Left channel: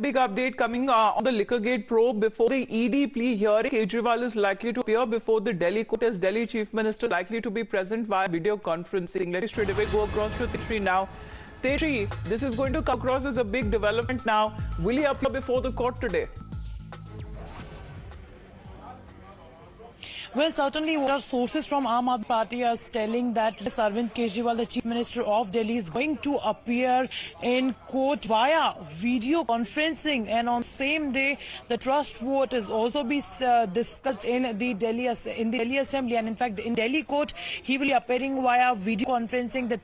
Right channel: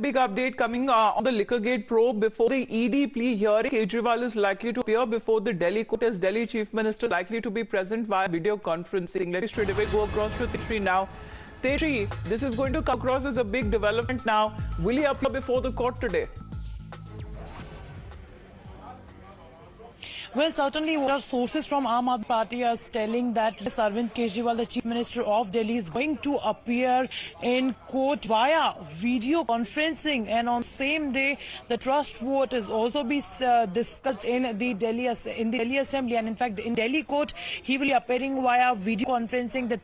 big update coming on the Liquorgate probe. Before the ED plea hearing, Kejriwal is likely to appear before the Delhi court as Delhi Chief Minister, likely to be present via video conferencing. Let me straight away go across to Tejri now. Tejri, this is going to come across as a big development now. Will he appear before the court today? Well, certainly what our sources from Aam Aadmi Party are telling that Arvind Kejriwal, the Chief Minister of Delhi, is going to appear in court via video conferencing, and on same day the trust vote is also be discussed in the Delhi Assembly, and in fact in Delhi court he will be appearing via video conferencing. The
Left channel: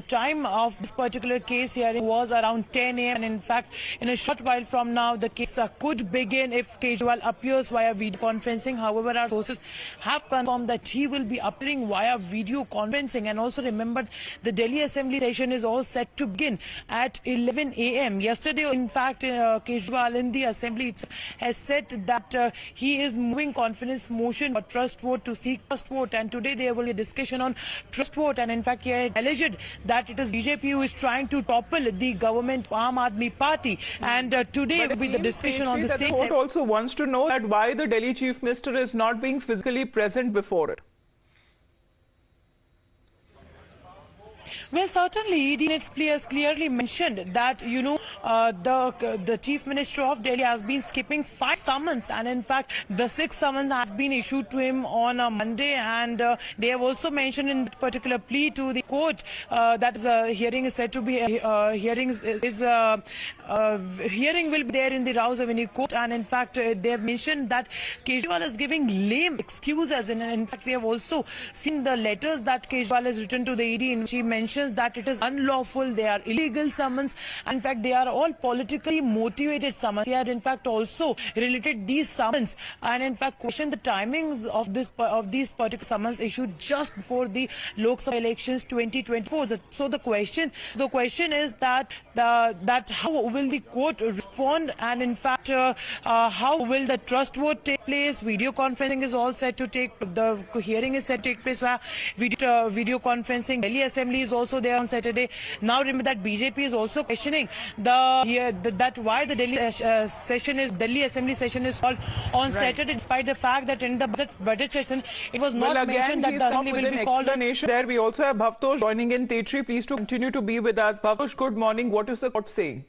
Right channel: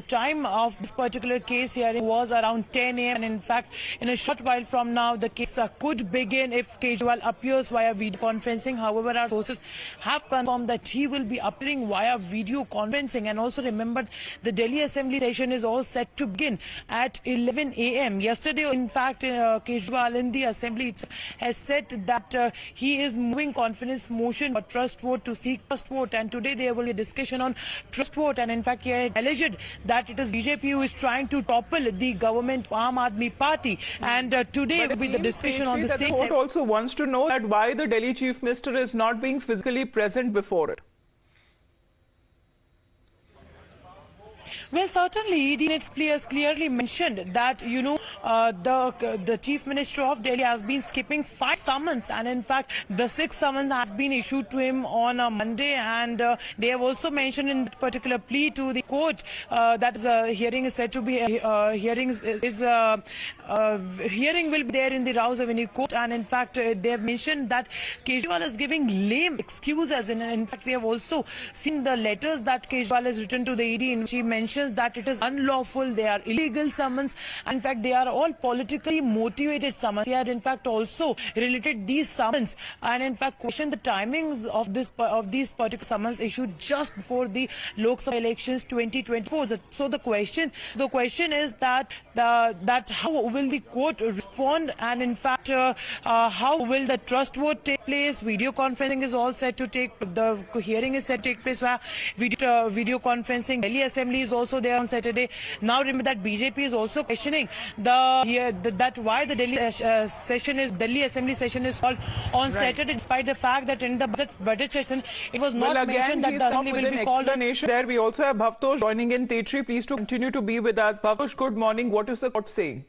time of this particular case hearing was around 10 a.m. and in fact in a short while from now the case could begin if Kejriwal appears via video conferencing. However, our sources have confirmed that he will be appearing via video conferencing. And also remember, the Delhi Assembly session is all set to begin at 11 a.m. Yesterday, in fact, Kejriwal in the Assembly has said that he is moving confidence motion for trust vote to seek trust vote, and today there will be a discussion on trust vote, and in fact he had alleged that it is BJP who is trying to topple the government of Aam Aadmi Party, and today will be the discussion on the same. The court also wants to know that why the Delhi Chief Minister is not being physically present before it. Well, certainly, ED has clearly mentioned that, the Chief Minister of Delhi has been skipping 5 summons, and in fact, the 6th summons has been issued to him on a Monday, and they have also mentioned in particular plea to the court that hearing is said to be hearing will be there in the Rouse Avenue court, and in fact, they have mentioned that Kejriwal is giving lame excuses, and in fact, we have also seen the letters that Kejriwal has written to the ED in which he mentions that it is unlawful, they are illegal summons, and in fact they are all politically motivated summons. He had in fact also related these summons and in fact questioned the timings of these particular summons issued just before the Lok Sabha elections 2024. So the question is that how will the court respond, and in fact how will the trust vote take place? Video conferencing is all set to take, the hearing is set to take place via video conferencing. Delhi Assembly is also there on Saturday. Now remember that BJP is also questioning that why the Delhi Assembly session is called on Saturday, despite the fact that in the budget session it was not mentioned that the Assembly will be called. There we also have Bhavtosh joining in. Tetri, please to continue to be with us. Bhavtosh, good morning. What is the court saying?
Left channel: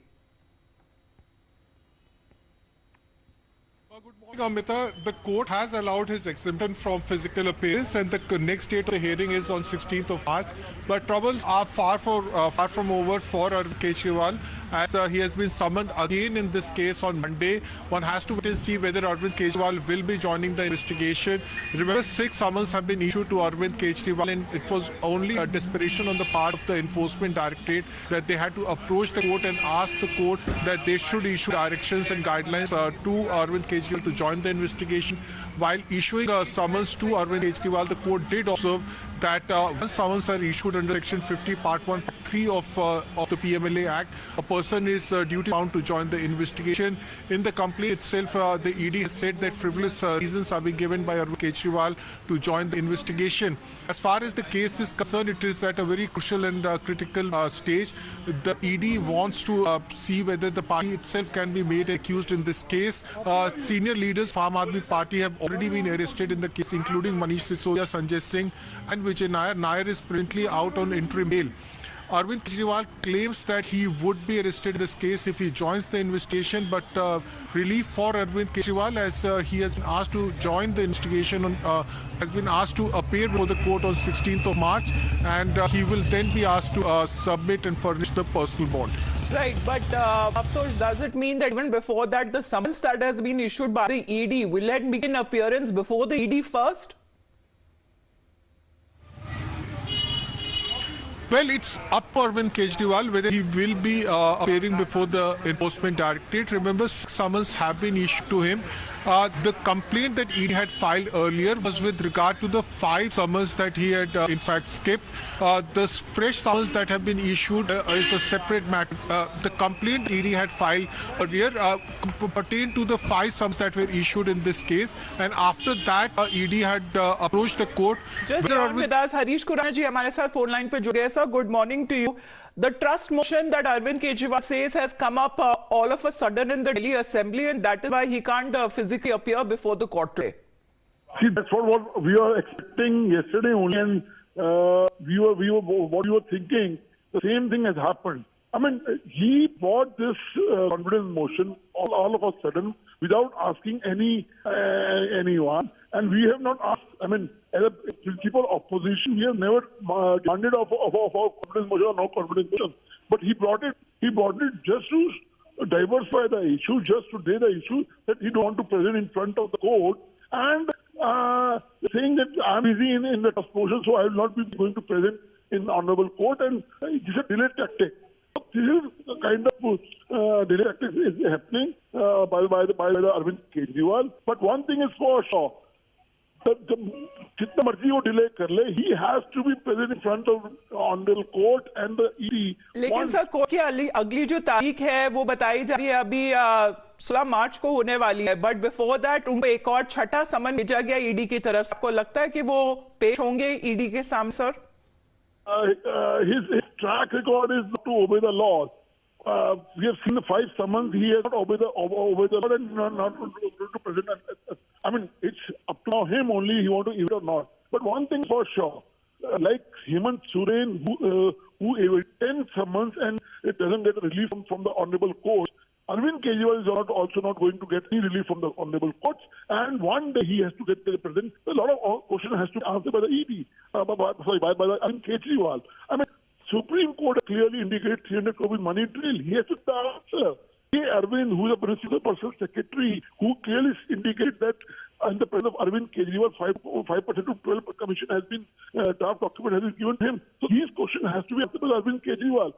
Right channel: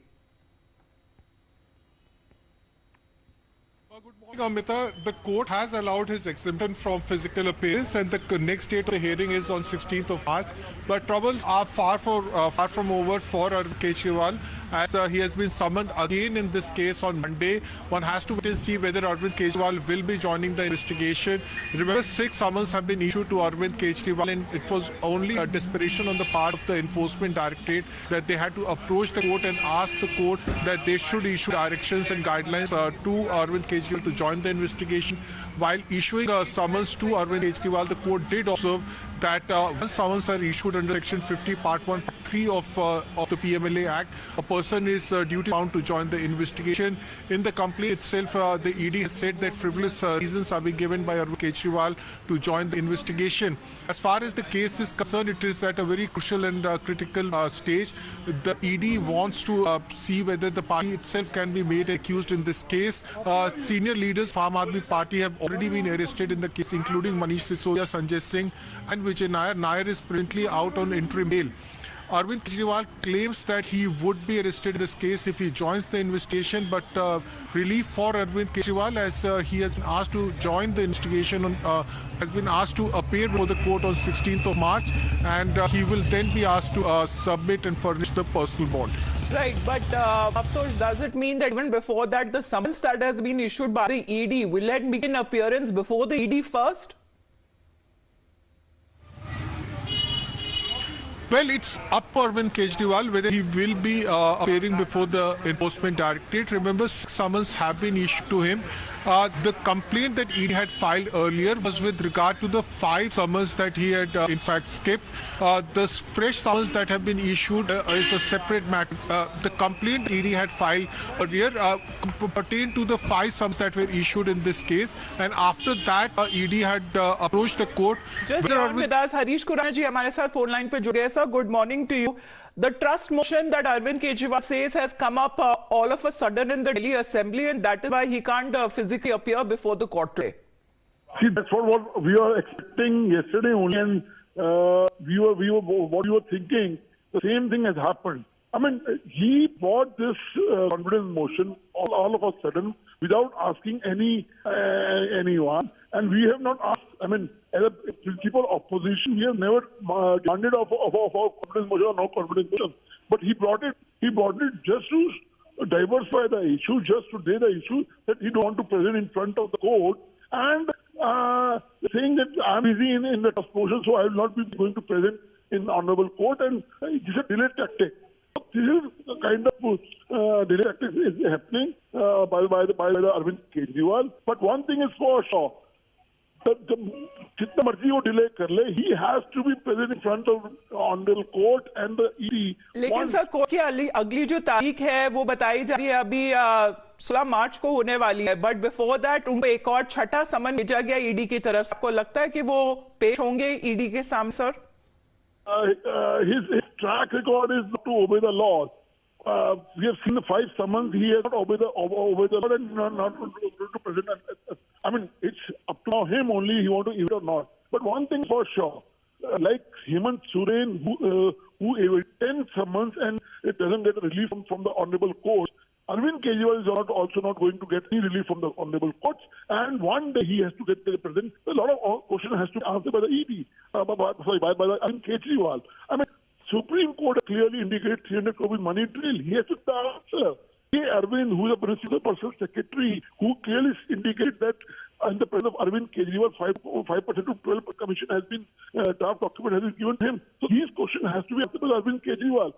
Good morning, Amita. The court has allowed his exemption from physical appearance, and the next date of the hearing is on 16th of March. But troubles are far from over for Arvind Kejriwal, as he has been summoned again in this case on Monday. One has to wait and see whether Arvind Kejriwal will be joining the investigation. Remember, 6 summons have been issued to Arvind Kejriwal, and it was only a desperation on the part of the Enforcement Directorate that they had to approach the court and ask the court that they should issue directions and guidelines to Arvind Kejriwal to join the investigation. While issuing a summons to Arvind Kejriwal, the court did observe that once summons are issued under Section 50, Part 1, Part 3 of the PMLA Act, a person is duty bound to join the investigation. In the complaint itself, the ED has said that frivolous reasons are being given by Arvind Kejriwal to join the investigation. As far as the case is concerned, it is at a very crucial and critical stage. The ED wants to see whether the party itself can be made accused in this case. Senior leaders of Aam Aadmi Party have already been arrested in the case, including Manish Sisodia, Sanjay Singh, and Vijay Nair. Nair is presently out on interim bail. Arvind Kejriwal claims that he would be arrested in this case if he joins the investigation, but relief for Arvind Kejriwal, as he has been asked to join the investigation, has been asked to appear before the court on 16th of March, and he will then be asked to submit and furnish the personal bond. Right, but of course, does it mean that even before that, the summons that has been issued by the ED, will it make an appearance before the ED first? Well, it's up to Arvind Kejriwal whether he will be appearing before the Enforcement Directorate. Remember, 6 summons have been issued to him. The complaint that ED had filed earlier was with regard to the 5 summons that he had in fact skipped. The fresh summons that have been issued is a separate matter. The complaint ED had filed earlier pertained to the 5 summons that were issued in this case, and after that ED had approached the court. Just with us, Harish Kurana ji हमारे साथ phone line पे जुड़े हैं. Sir, good morning to you. The trust motion that Arvind Kejriwal says has come up all of a sudden in the Delhi Assembly, and that is why he can't physically appear before the court today. See, that's what we were expecting yesterday only, and what we were thinking, the same thing has happened. I mean, he brought this confidence motion all of a sudden without asking anyone, and we have not asked. I mean, as a principal opposition, we have never demanded of confidence motion or no confidence motion. But he brought it just to diversify the issue, just to lay the issue that he don't want to present in front of the court, and saying that I'm busy in the trust motion, so I will not be going to present in honorable court, and this is a delay tactic. This is the kind of delay tactic is happening by the Arvind Kejriwal. But one thing is for sure, जितना मर्जी वो delay कर ले, he has to be present in front of honorable court and the ED. लेकिन sir court की अगली जो तारीख है वो बताई जा रही है अभी 16 मार्च को होने वाली है, बट बिफोर दैट उनको एक और छठा समन भेजा गया ईडी की तरफ से. आपको लगता है कि वो पेश होंगे ईडी के सामने sir? His track record is to obey the law. We have seen the 5 summons. He has not obeyed the law and not to present. I mean, it's up to him only. He want to even or not. But one thing for sure, like Hemant Soren, who evaded 10 summons and it doesn't get relief from the honorable court, Arvind Kejriwal is also not going to get any relief from the honorable courts. And one day he has to get the president. A lot of questions has to be answered by the ED, by the Arvind Kejriwal. I mean, Supreme Court clearly indicated 300 crore money drill. He has to answer. Arvind, who is a principal personal secretary, who clearly indicated that in the presence of Arvind Kejriwal, 5% to 12% commission has been, draft document has been given to him. So these questions has to be answered by Arvind Kejriwal.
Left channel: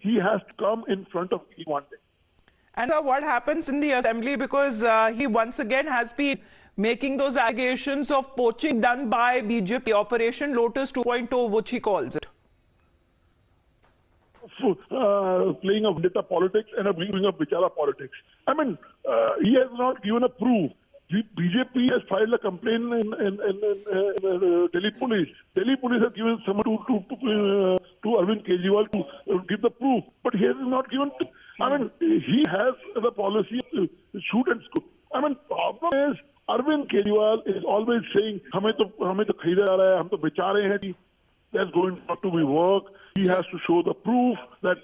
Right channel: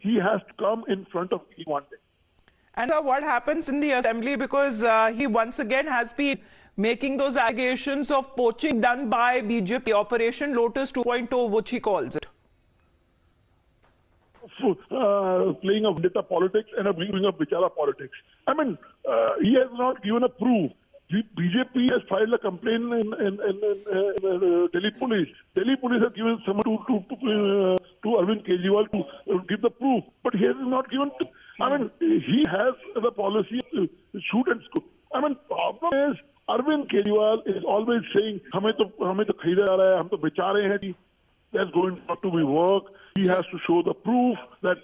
He has to come in front of me one day. And what happens in the assembly, because he once again has been making those allegations of poaching done by BJP, Operation Lotus 2.0, which he calls it. Playing of data politics and bringing of Vichara politics. I mean, he has not given a proof. BJP has filed a complaint in Delhi police. Delhi police have given someone to Arvind Kejriwal to give the proof, but he has not given. I mean, he has the policy to shoot and scoop. I mean, problem is Arvind Kejriwal is always saying, "हमें तो खरीदा जा रहा है, हम तो बेचा रहे हैं." That's going not to be work. He has to show the proof that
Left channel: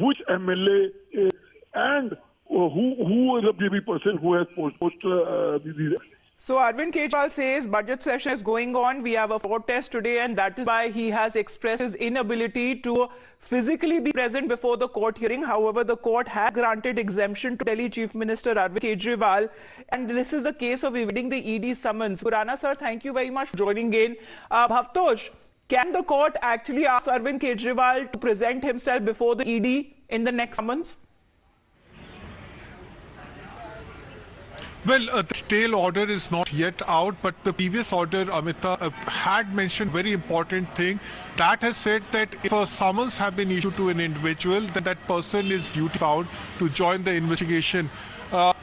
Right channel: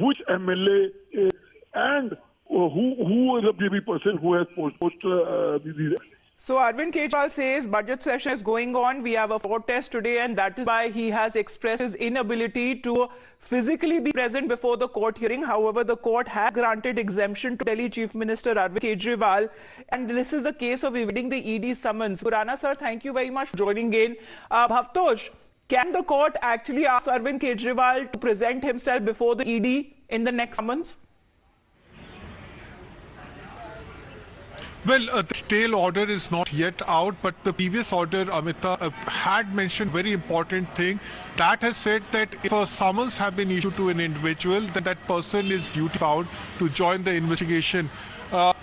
which MLA is and who is a BJP person who has posted these. So Arvind Kejriwal says budget session is going on. We have a floor test today, and that is why he has expressed his inability to physically be present before the court hearing. However, the court has granted exemption to Delhi Chief Minister Arvind Kejriwal, and this is the case of evading the ED summons. Khurana sir, thank you very much for joining in. Bhavtosh, can the court actually ask Arvind Kejriwal to present himself before the ED in the next summons? Well, the tail order is not yet out, but the previous order, Amita, had mentioned very important thing. That has said that if a summons have been issued to an individual, then that person is duty bound to join the investigation.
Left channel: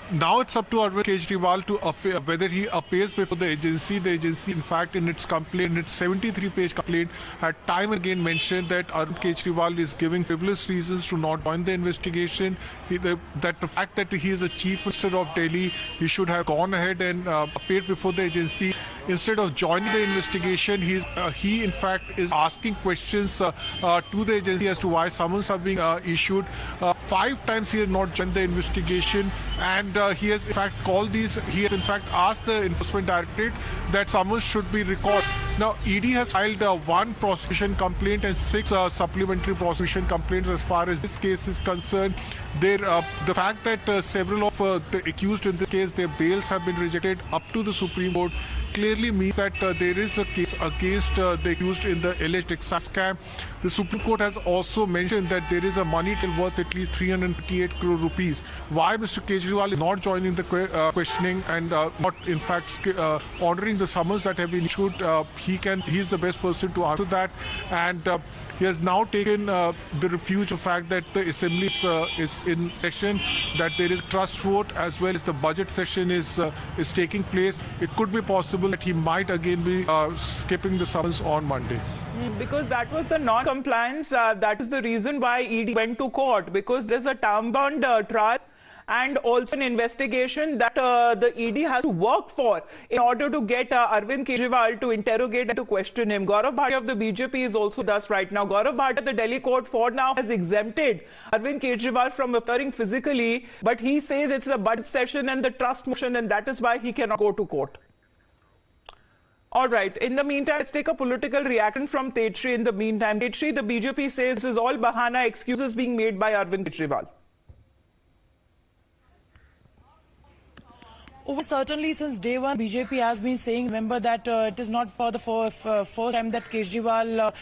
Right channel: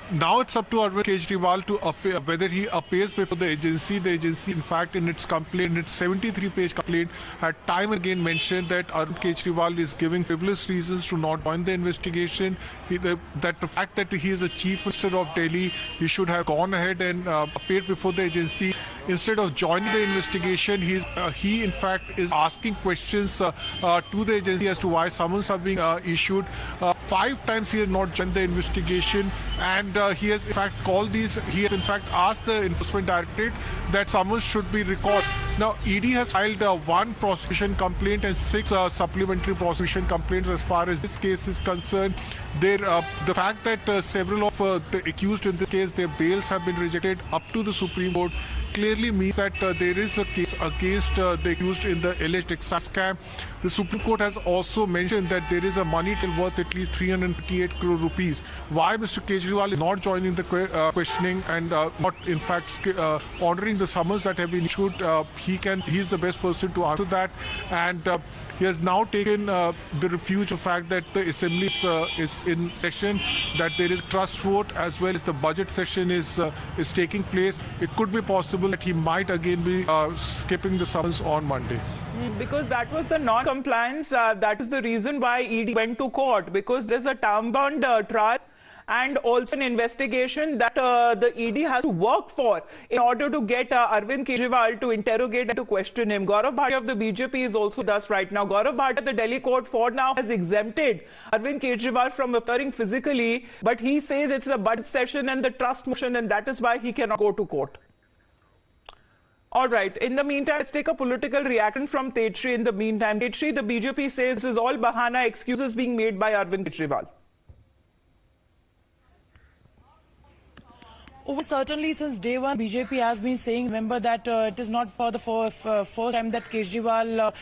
Now it's up to Arvind Kejriwal to appear, whether he appears before the agency. The agency, in fact, in its complaint, in its 73-page complaint, had time and again mentioned that Arvind Kejriwal is giving frivolous reasons to not join the investigation. That the fact that he is a chief minister of Delhi, he should have gone ahead and appeared before the agency. Instead of joining the investigation, he in fact is asking questions to the agency as to why summons are being issued. 5 times he has not joined the investigation, and he has in fact asked the Enforcement Directorate that summons should be recalled. Now, ED has filed 1 prosecution complaint and 6 supplementary prosecution complaints as far as this case is concerned. The fact that several of the accused in this case, their bails have been rejected up to the Supreme Court clearly means that there is a case against the accused in the alleged excise scam. The Supreme Court has also mentioned that there is a money till worth at least 358 crore rupees. Why Mr. Kejriwal is not joining the questioning and not in fact ordering the summons that have been issued, he is the best person to answer that, and he has now taken the refuge of the fact that the assembly is in session, that there is trust vote as well as the budget session is taking place. It could be possible that he might again be skipping the summons on Monday. Because that was the non-compliance. That is the reason why ED went to court, because there's a time-bound trial and also an investigation that the ED has to work for in order to get Arvind Kejriwal to interrogate and to question him. Gaurav Bhatia of the BJP is also with us right now. Gaurav Bhatia, the Delhi court for now has exempted Arvind Kejriwal from appearing physically, but he says it's a budget session and the trust motion, and that is why he cannot go to court. All right. In the meantime, let's take a political reaction from Tetri. In the meantime, Tetri, the BJP says this is all bahana, excuses being made by Arvind Kejriwal. Well, certainly since day one, BJP has been saying, remember that it is not for the first time that Kejriwal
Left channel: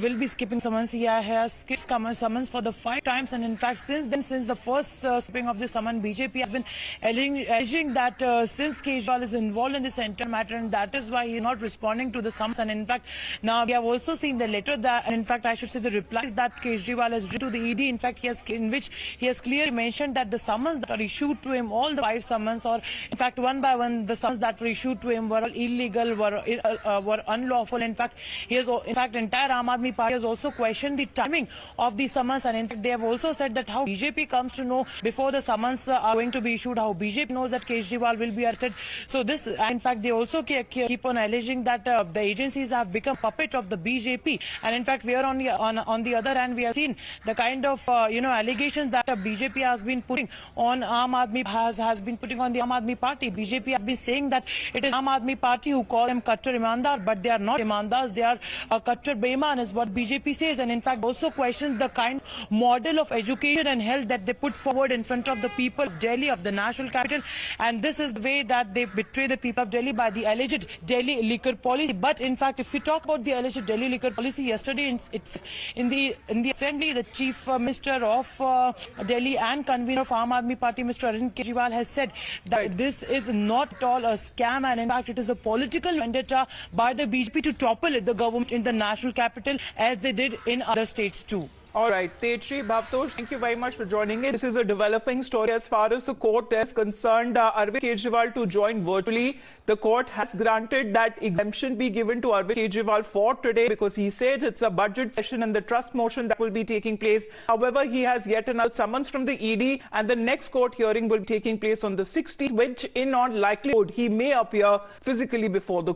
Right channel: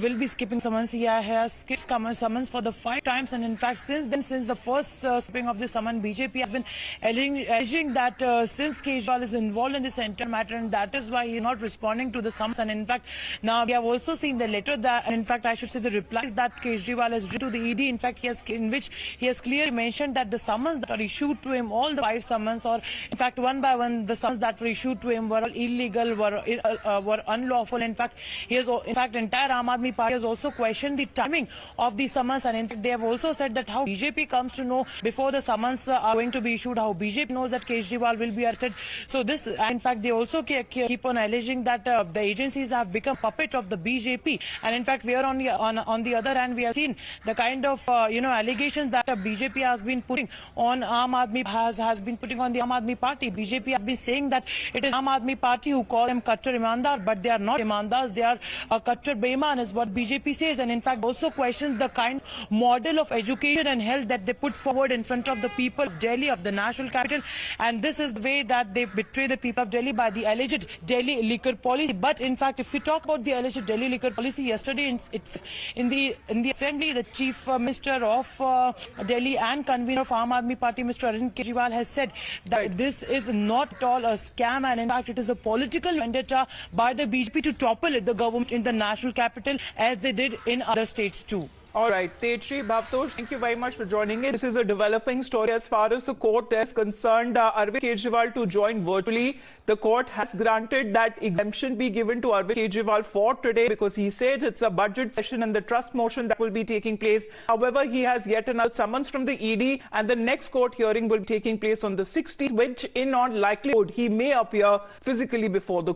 will be skipping summons. He has skipped summons for the 5 times, and in fact, since the first skipping of the summon, BJP has been alleging that since Kejriwal is involved in this entire matter, and that is why he is not responding to the summons. And in fact, now we have also seen the letter that, and in fact, I should say the replies that Kejriwal has written to the ED. In fact, in which he has clearly mentioned that the summons that are issued to him, all the 5 summons, or in fact, one by one, the summons that were issued to him were illegal, were unlawful. In fact, entire Aam Aadmi Party has also questioned the timing of the summons, and in fact, they have also said that how BJP comes to know before the summons are going to be issued, how BJP knows that Kejriwal will be arrested. So this, in fact, they also keep on alleging that the agencies have become puppet of the BJP, and in fact, we are on the other hand, we have seen the kind of allegations that BJP has been putting on Aam Aadmi has been putting on the Aam Aadmi Party. BJP has been saying that it is Aam Aadmi Party who call them Kattar Imandar, but they are not Imandars, they are Kattar Beiman is what BJP says, and in fact also questions the kind of model of education and health that they put forward in front of the people of Delhi, of the national capital, and this is the way that they betray the people of Delhi by the alleged Delhi liquor policy. But in fact, if we talk about the alleged Delhi liquor policy, yesterday in the assembly, the Chief Minister of Delhi and convener of Aam Aadmi Party, Mr. Arvind Kejriwal, has said that this is not at all a scam, and in fact it is a political vendetta by the BJP to topple the government in the national capital, as they did in other states too. All right, Tetri, Bhavtosh, thank you very much for joining us. This is a developing story as far as the court is concerned. Arvind Kejriwal to join virtually. The court has granted that exemption be given to Arvind Kejriwal for today, because he said it's a budget session and the trust motion that will be taking place. However, he has yet another summons from the ED, and the next court hearing will be taking place on the 16th, which in all likelihood he may appear physically before the court.